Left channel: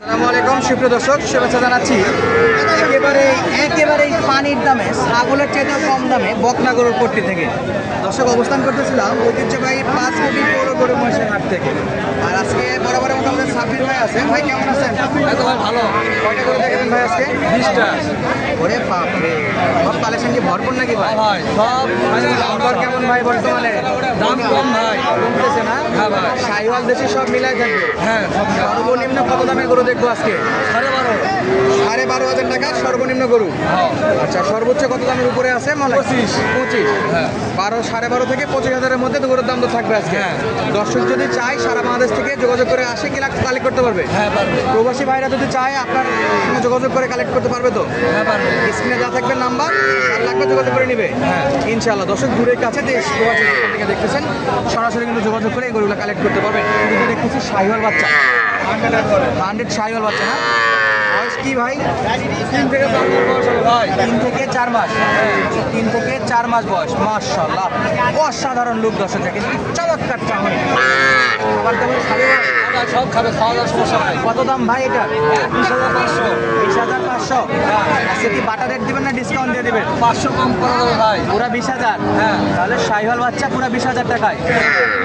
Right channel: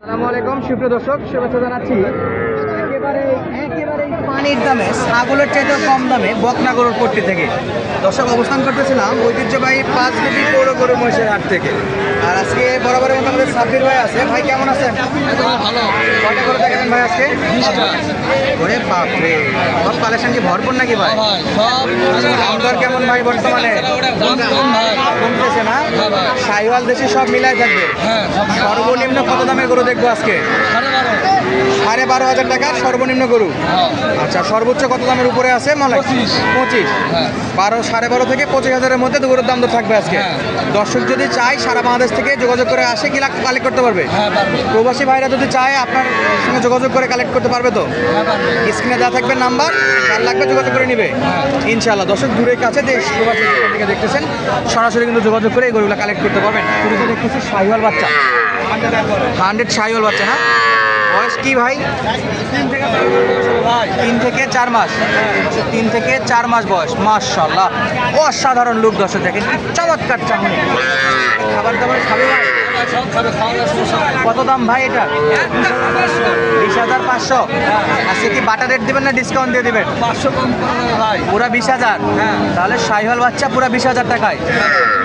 আসসালামু আলাইকুম সুপ্রিয় দর্শক, শুভেচ্ছা জানাচ্ছি। একেবারে পানির দামে ছাগলের চাইতে কম দামে বকনা গরুর পট্টি থেকে দর্শক অবস্থান করতেছিলাম ঐতিহ্যবাহী 5 কেজি পৌর গরু মহিষের হাট থেকে। আর আজকে বরাবরের মতো আমাদের সাব্বির ভাই আছে। ভাই কেমন আছেন? ভালো। কয়টা করে দেখেন ভাই আজকে? 20টা। ওরে বাপরে, সব কালেকশন কি ভরপুর নাকি ভাই? ভাই সব দাম দর কেমন ভাই বর্তমানে? দাম কম ভাই। কমতেছে না? হ্যাঁ ভাই। শাহিওয়াল দেশি সব মিলাই থাকবে। হ্যাঁ সর্বনিম্ন কত দামের গরু দেখবো আজকে? 12.5। 12,500 টাকা সর্বনিম্ন গরু। হ্যাঁ আচ্ছা, সর্বোচ্চ কত দামের উপরে আছে? 25। 25। হ্যাঁ 12,500 থেকে 25,000-এর মধ্যে গরুর দাম তো থাকবে আজকে। হ্যাঁ। দর্শক যদি চায় সারা বাংলাদেশ থেকে যোগাযোগ করে আসে কি কালেক্ট করতে পারবে? হ্যাঁ পারবে। প্রবাসী ভাইরা যদি চায় আপনার সঙ্গে যোগাযোগ করে কালেক্ট করতে পারবে তো? হ্যাঁ পারবে। স্ক্রিনে দেওয়া থাকবে নাম্বার, যার লাগবে যোগাযোগ করে নিবে। হ্যাঁ। ইনশাআল্লাহ। দর্শক দূরের কাছে দেশ প্রবাসী থেকে দেখতেছেন, সরাসরি কিন্তু যোগাযোগ করে এই গরুগুলো কালেক্ট করতে পারবেন। শুরুতে দেখতেছি শাহিওয়াল বাচ্চা, 100 শাহিওয়াল বাচ্চা। না বয়স কি ভাই? 3 থেকে 4 বছর ভাই। 3 থেকে 4 মাস। 3 থেকে 4 মাস বয়স। মাশাআল্লাহ, অসাধারণ লোক। দর্শক দেখেন কি চমৎকার চামড়ি। খাবার দাবার খাবে ভাই? সব খাবে, খাওয়া সমস্যা নাই। কত দাম ভাই এটা? 20,500। আজকে কি বাটা রেট দিবেন না ডিসকাউন্ট দিয়ে দিবেন? 500 কম করবে ভাই। পুরা 20,000। হ্যাঁ। তাহলে শাহিওয়াল বাচ্চা পুরা 20,000 টাকায়।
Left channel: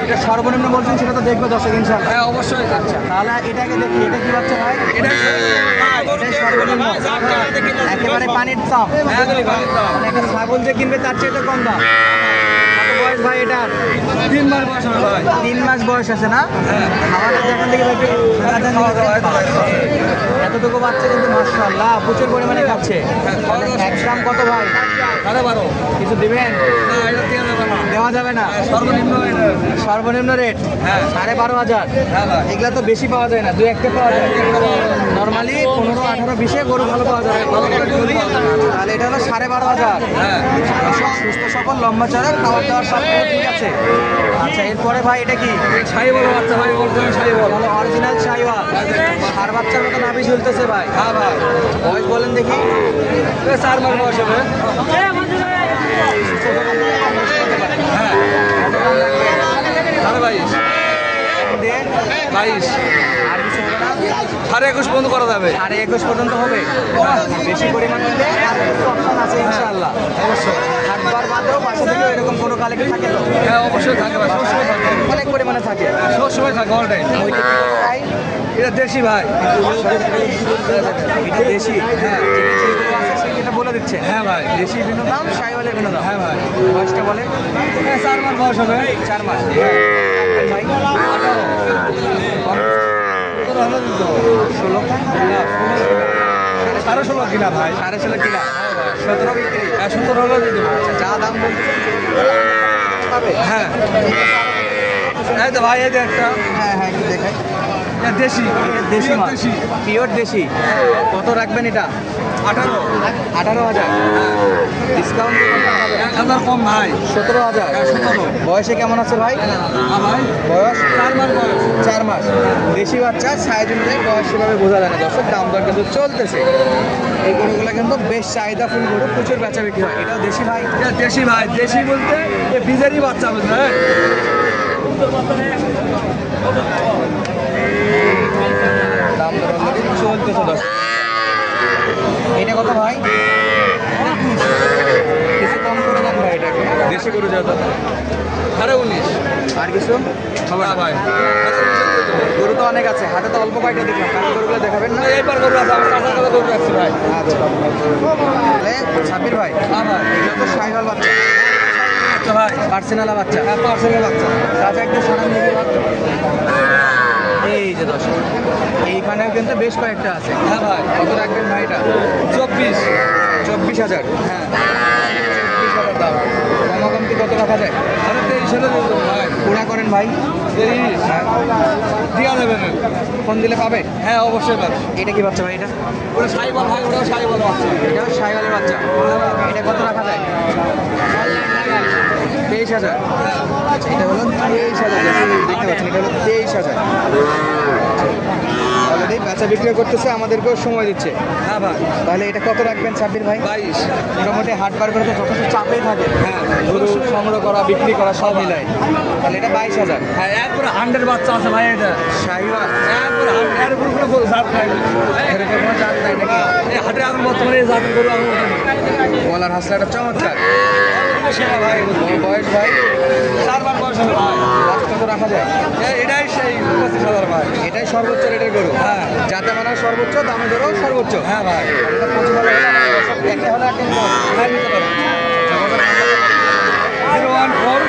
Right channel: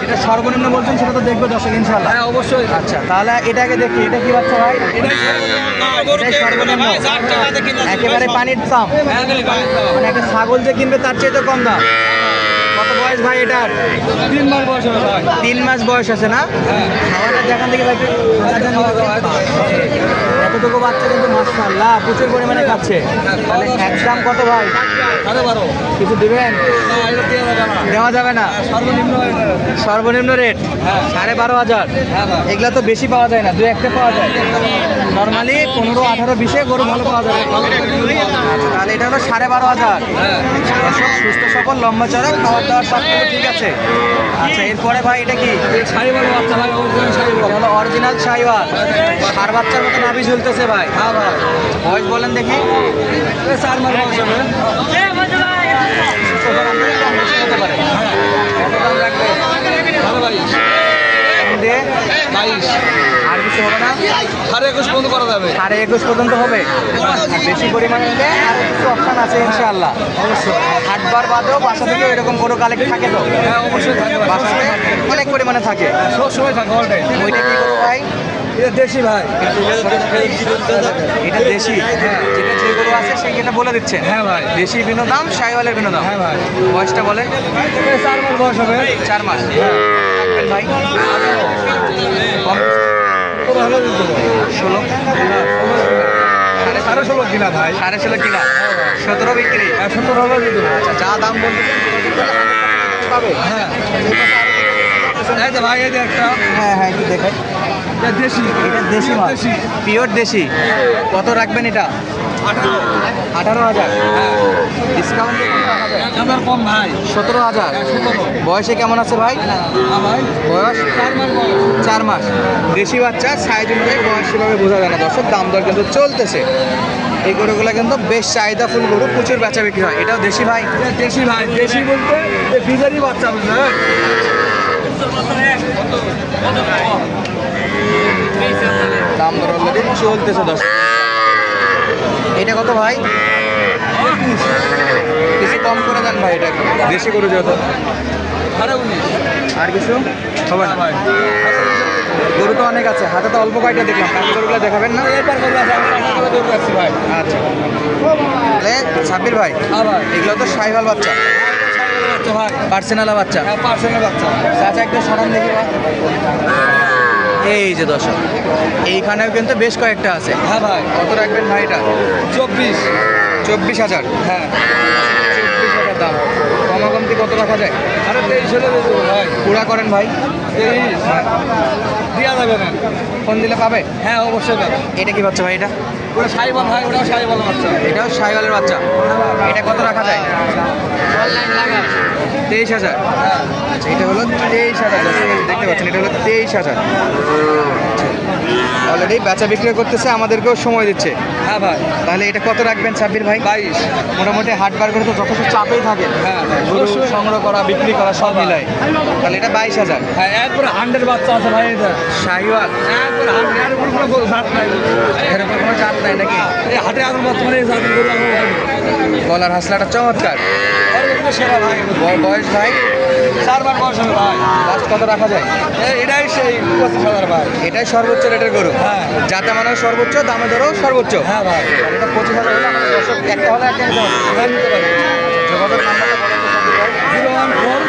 এটা সর্বনিম্ন বলছেন, সেটা তো দেখবো দর্শক ইনশাআল্লাহ। হ্যাঁ অবশ্যই। আচ্ছা, তাহলে এটাকে দেখি, এটা কি বাচ্চা ভাই? এটা সর্বনিম্ন একেবারে পানির দাম। হ্যাঁ মানে একটা ছাগল যে কিনবে তার চেয়ে তো কম দাম। কত বয়স ভাই এটার? 3 মাস বয়স হবে ভাই। 3 মাস বয়স আছে না? হ্যাঁ। খাওয়াটা দেখান দেখি ভাই। এতটুকু বাচ্চা কিন্তু মাশাআল্লাহ প্রচুর পরিমাণে খাচ্ছে। একদম কত ভাই? 12.5। কিছু দিবেন? না এটা দিয়ে দেবে না। দেওয়া যাবে না। সর্বনিম্ন এটা। সর্বনিম্ন রেট হ্যাঁ। 12,500। হ্যাঁ ভাই। এগুলা তো বেশি পাওয়া যায় না, 2-1টা পাওয়া যায়। নর্মালি 15, 18, 20 গরু ভালো পাওয়া যায়। তাহলে এটা হলো 12,500। হ্যাঁ দর্শক সুস্থ সবল, লম্বা চড়া, খাওয়ার দাওয়ার সব কিছু ঠিক আছে। আচ্ছা, এরপরে ভাই এটা কি? শাড়ি বলো বাচ্চা ভাই, অরিজিনাল শাড়ি বলো। হলো অরিজিনাল শাহিওয়াল। আর বাচ্চার মতো নাভি ঝুলতেছে ভাই। হ্যাঁ ভাই। বয়স বলেন দেখি। 4 মাস বয়স হবে। সাড়ে 22। দিয়ে 22। আর কিছু হবে না? 21.5 পর্যন্ত করা যাবে। 21.5 পর্যন্ত হবে। বেশি পরিমাণে হলে অপশন আছে ইনশাআল্লাহ। অবশ্যই হাটবার বাদেও বাসা থেকে এরকম কোনো কালেক্ট থাকে তো? হ্যাঁ অবশ্যই থাকবে। বাসায় অনেক পরিমাণে থাকে। সব সময় থাকে অল টাইম। ওইটা কি ভাই? এটা দেশি ভাই। এটা দেশি। যেটা যেগুলো আছে সেটা বলে দিচ্ছেন। হ্যাঁ ভাই। দেশি ভিন্ন দাম, শাহিওয়ালের ভিন্ন দাম। হ্যাঁ ভাই। বয়সটা বলে? 4 মাস বয়স হবে। 4 মাস। ভাই 16, 16.5 কিলা ভাই। 16.5 কিলো। 17 বিক্রি। 17 হলো দিতে। আচ্ছা, যা দাম বলতে হ্যাঁ এই তো ভাই, এই যে একটা। হ্যাঁ হ্যাঁ, একটু দেখাই। এটা দেশি। এটা দেশি মাল। দেশি। পিওর দেশি। কত রাখবেন এটা? 18। 18,000। ডিসকাউন্ট আমার কম ভাই। 17,000। 17। বয়সে কেমন আছে ভাই? ভাই বয়স 4 মাস বয়স। 4 মাস। দেশি বাচ্চা, সাইজ অনুযায়ী বয়স সেভাবে বোঝা যায় না। দর্শক দাম দর কিন্তু চলতেছে। এই গরুগুলো কিন্তু বেশ চাহিদা ফুল গরু, প্রচুর বেচা বিক্রি হয়। এটাও দেশি ভাই? এটা দেশি ভাই। দেশি বলতে এই বীজেরই বাচ্চা বুঝলেন। দাম দর অলরেডি চলতেছে দর্শক। এটা কত ভাই? কিছু কম করে দেন ভাই। এটা দেশি গরু যেহেতু। 19। আর কিছু হবে না ভাই গরু তো অনেক আছে, হাতে তো অল্প কয়টা দেখলাম। গরুগুলো দেখাবেন না? এইবার করবো আছে, আমি টাকা করে দৌড়ে আসছি ভাই। আচ্ছা, সাব্বির ভাই, হ্যাঁ ভাই। এগুলো তো শাহিওয়াল বাচ্চা, আচ্ছা ভাই। পার্সোনাল বাচ্চা। হ্যাঁ পার্সেলের বাচ্চা। চাচা একটু সরান দেখি। এই যে দর্শক, এইখানেও কিন্তু বেশ কয়েকটা আছে। হ্যাঁ ভাই। কত রাখবেন ভাই এটা? 24। 24,000। হ্যাঁ 24,000 দাম। কমকমতি কত রাখা যায়? আরে 23 হলে বলবো ভাই। পুরা করেন ভাই। 23 দিয়া যাবে না। ফোন দিলে পাবে? হ্যাঁ অবশ্যই পাবে। এটা কি বাচ্চা ভাই? এটা ওটা সাইবল ভাই, ওটাও সাইবল বাচ্চা। এটাও শাহিওয়ালের বাচ্চা। এটা কত রাখা যায়? অনলাইন লাগা। 23,000। আচ্ছা, এটা হলো 23,000। দেখতে পাচ্ছেন, এটা হলো 23,000। অলরেডি বেচা বিক্রি করতেছে, আমাদেরকেও সময় দিচ্ছে। হ্যাঁ ভাই। তাহলে এটা কত রাখবেন সাব্বির ভাই? 22। মোটামুটি হাট বার করে তো যথেষ্ট চাপেই থাকে। হ্যাঁ গরু সংগ্রহ করা, বিক্রি করা সব মিলায়। তাহলে এটা 22,000। হ্যাঁ একবারে 100 বাচ্চা আছে ভাই। এটা শাহিওয়াল। একবারে এরকম কোনো জাত নাই নাকি? এই হাটে এখন বর্তমানে এই জাতের গরু আমি গলার হাসলাটা চমৎকার। বয়স ভাই 4 বার বয়স হবে ভাই। লাস্ট কত রাখা যায়? এটাই সেই 25,000 ভাই। এটাই সর্বোচ্চ রেটের গরু। হ্যাঁ। যাতে মানে সর্বোচ্চ, দামে ধরো সর্বোচ্চ। হ্যাঁ ভাই। এটা 25,000 একটা হলে একটা নিতে হবে। হ্যাঁ, নিতে পারবেন। যোগাযোগ নাম্বার 014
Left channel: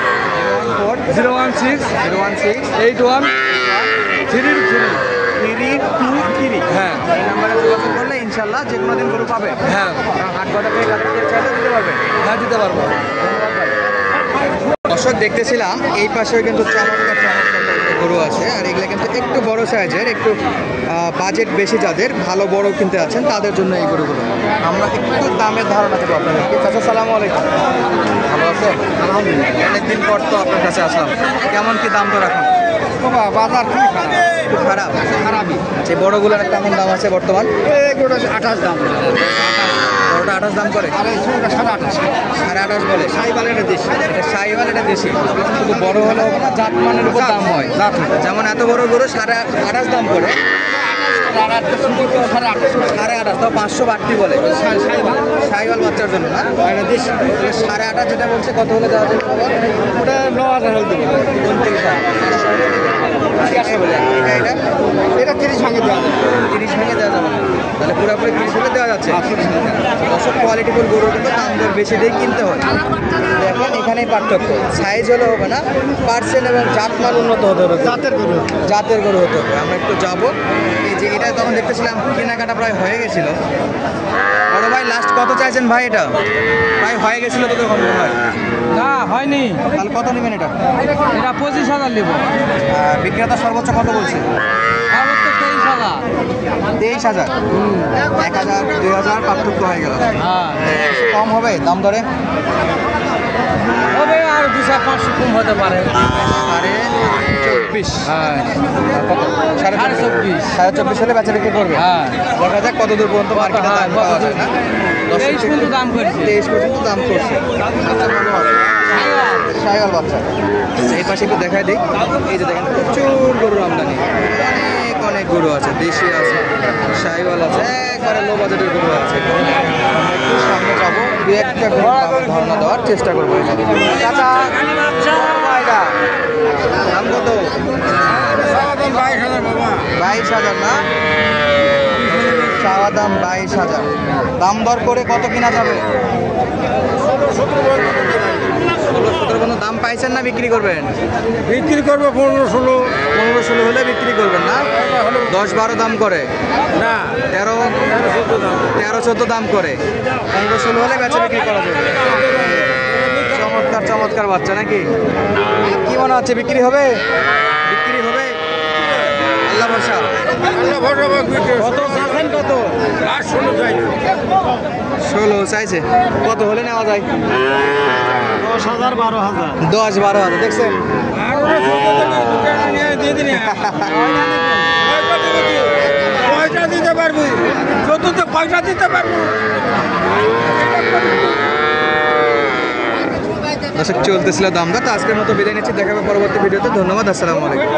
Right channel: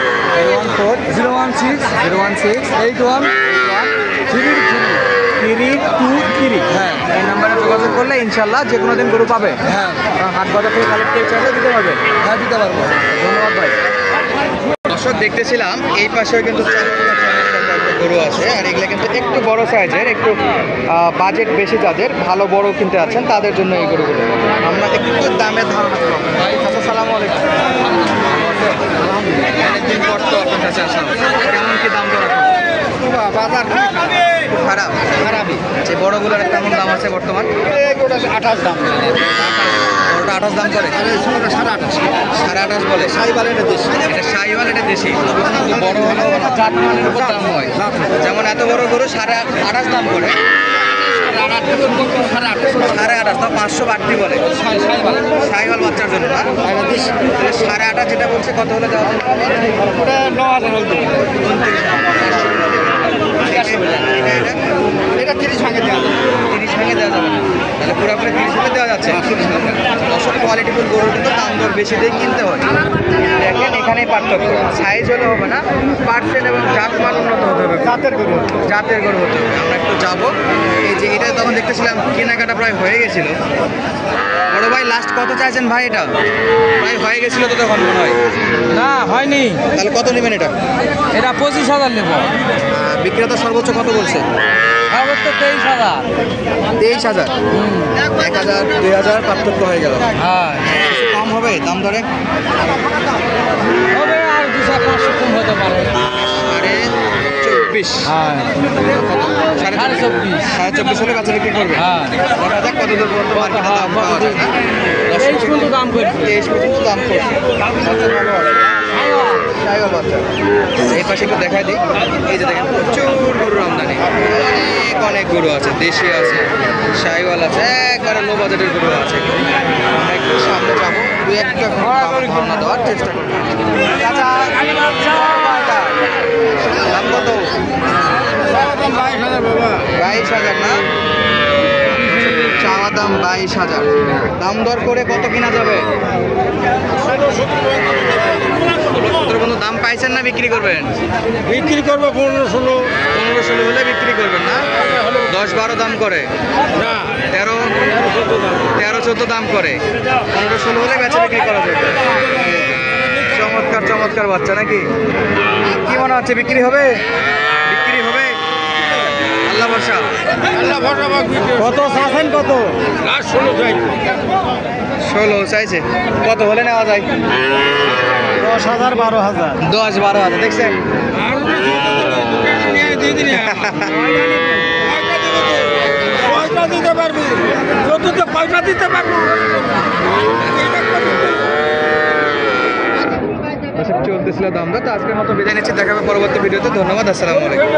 016 016 81 33 323। হ্যাঁ এই নাম্বারে যোগাযোগ করলে ইনশাল্লাহ যে কোনো দিন গরু পাবে। হ্যাঁ হাট বাজার থেকে কালেক্ট করে চাইলে দিতে পারবে। হ্যাঁ দিতে পারবো। ধন্যবাদ ভাই। দর্শক দেখতেছিলাম এই পাশেও কিন্তু গরু আছে, আর এগুলো কিন্তু একটু বড় সাইজের, একটু বাজেট বেশি যাদের, ভালো বড় কিনতে আছেন তাদের জন্য এই গরুগুলো। আমরা একটু দামের ধারণা কম। আচ্ছা, সালামু আলাইকুম। আলহামদুলিল্লাহ, অনেকদিন পর তো আপনার কাছে আসলাম। কেমন কি দাম দর এখন? বাজার খুব খারাপ। খারাপই। যে বড়গুলোর কেমন দাম আছে বর্তমান? 28 দাম। বড়টা 28 দাম করে, 28.5 বলে। সাইবাল এটা দেশি। এটা শাহিওয়াল, এটা দেশি। কিন্তু বড় হলেও জাত মানের উপর দাম হয়। যেমন এত বড় গরু 28.5 দাম করে, 28.5 তো 500 বাড়তি বলে শাহিওয়াল বাচ্চার জন্য না? এটা দেশি। 8.5 যেটা বলছে কত হলে দেওয়া যাবে? ওটা 9,000 হলে দেবো। 30 ভাঙে দেওয়া যাবে। 30 ভেঙে দেওয়া যাবে না? তাহলে পুরোপুরি 30 ভেঙে দেওয়া যাচ্ছে। অসব কোয়ালিটিফুল গরু কিন্তু দাম দর বেশি দিয়ে কিনতে হয়। দেখেন এখানেই পার্থক্য, সাইজ হলে হবে না, পার্সেন্ট এবং জাতমান উন্নত হতে হবে। জাতের গরু। জাতের গরু হতে হবে। আমরা একটু যাবো। এই যে এটা তখন দেখতেছিলাম কেনাকাটা প্রায় হয়ে গেছিল। বড় ভাই লাস্ট কত চাইছেন ভাই? এটা ভাই হয়ে গেছিল তো তখন মনে হয়। না হয়নি, তাহলে কত নেবেন এটা? এটা 25,000 নেবো। বিক্রেতা সর্বোচ্চ কত বলছে? সর্বোচ্চ 23,000। 23,000। 1,000 2,000 পার্থক্য হয়ে গেল। হ্যাঁ কিছু কম হবে দাম দরে? হবে আর 200-500 কম হতে পারে। 24। হ্যাঁ 24.5। 24.5 হলে বাচ্চা বিক্রি করবে। হ্যাঁ দেখা যাক কত দূর পর্যন্ত মার্কেটে হ্যাঁ, দাম পাওয়া কতদূর? যায়। 23 পর্যন্ত দাম করছে। 23 পর্যন্ত দাম করছে। শাহিওয়াল বাচ্চা। এই পাশে একটু দেখা দিই। এই যে দেখেন প্রচুর গরুর আমদানি, অনেক গরু আছে, দেশি আছে, শাহিওয়াল আছে, একবারে লো বাজেটের গরু আছে। আমরা একটু সামনে যাবো, দু একটা দাম ধারণা দেওয়ার চেষ্টা করবো। চাচা, দাম কত? 22,000 না? চাওয়া দাম 22,000। দাম দর করে কত কিনা যাবে? 16 কোনো দাম পাইছেন না বিক্রি করবেন? বিক্রি করবো 15-16। 15-16 হলে বিক্রি করবেন না? 10-12 দাম করে না 13-14 দাম। 13-14 দাম করে, 15-16 হলে বেচে বিক্রি করা যাবে। চমৎকার চমৎকার বাচ্চা নাকি? কি মনে হচ্ছে বিক্রি হবে? বিক্রি হবে? আল্লাহ ভরসা। কত চাচ্ছেন কত? লাস্ট 16 চাই। 16 চাইছে। কত হলে নেওয়া যায়? 10,000 12,000। 10-12 দেখছেন? পয়সা দিতে পারবি, চতুর্থ পয়সা দিতে পারবো। দর্শক চলতেছিল দাম দর। তো আজকের মতো বিদায় নিচ্ছি, দেখা হবে পরবর্তী ভিডিওতে। ধন্যবাদ, আসসালামু আলাইকুম।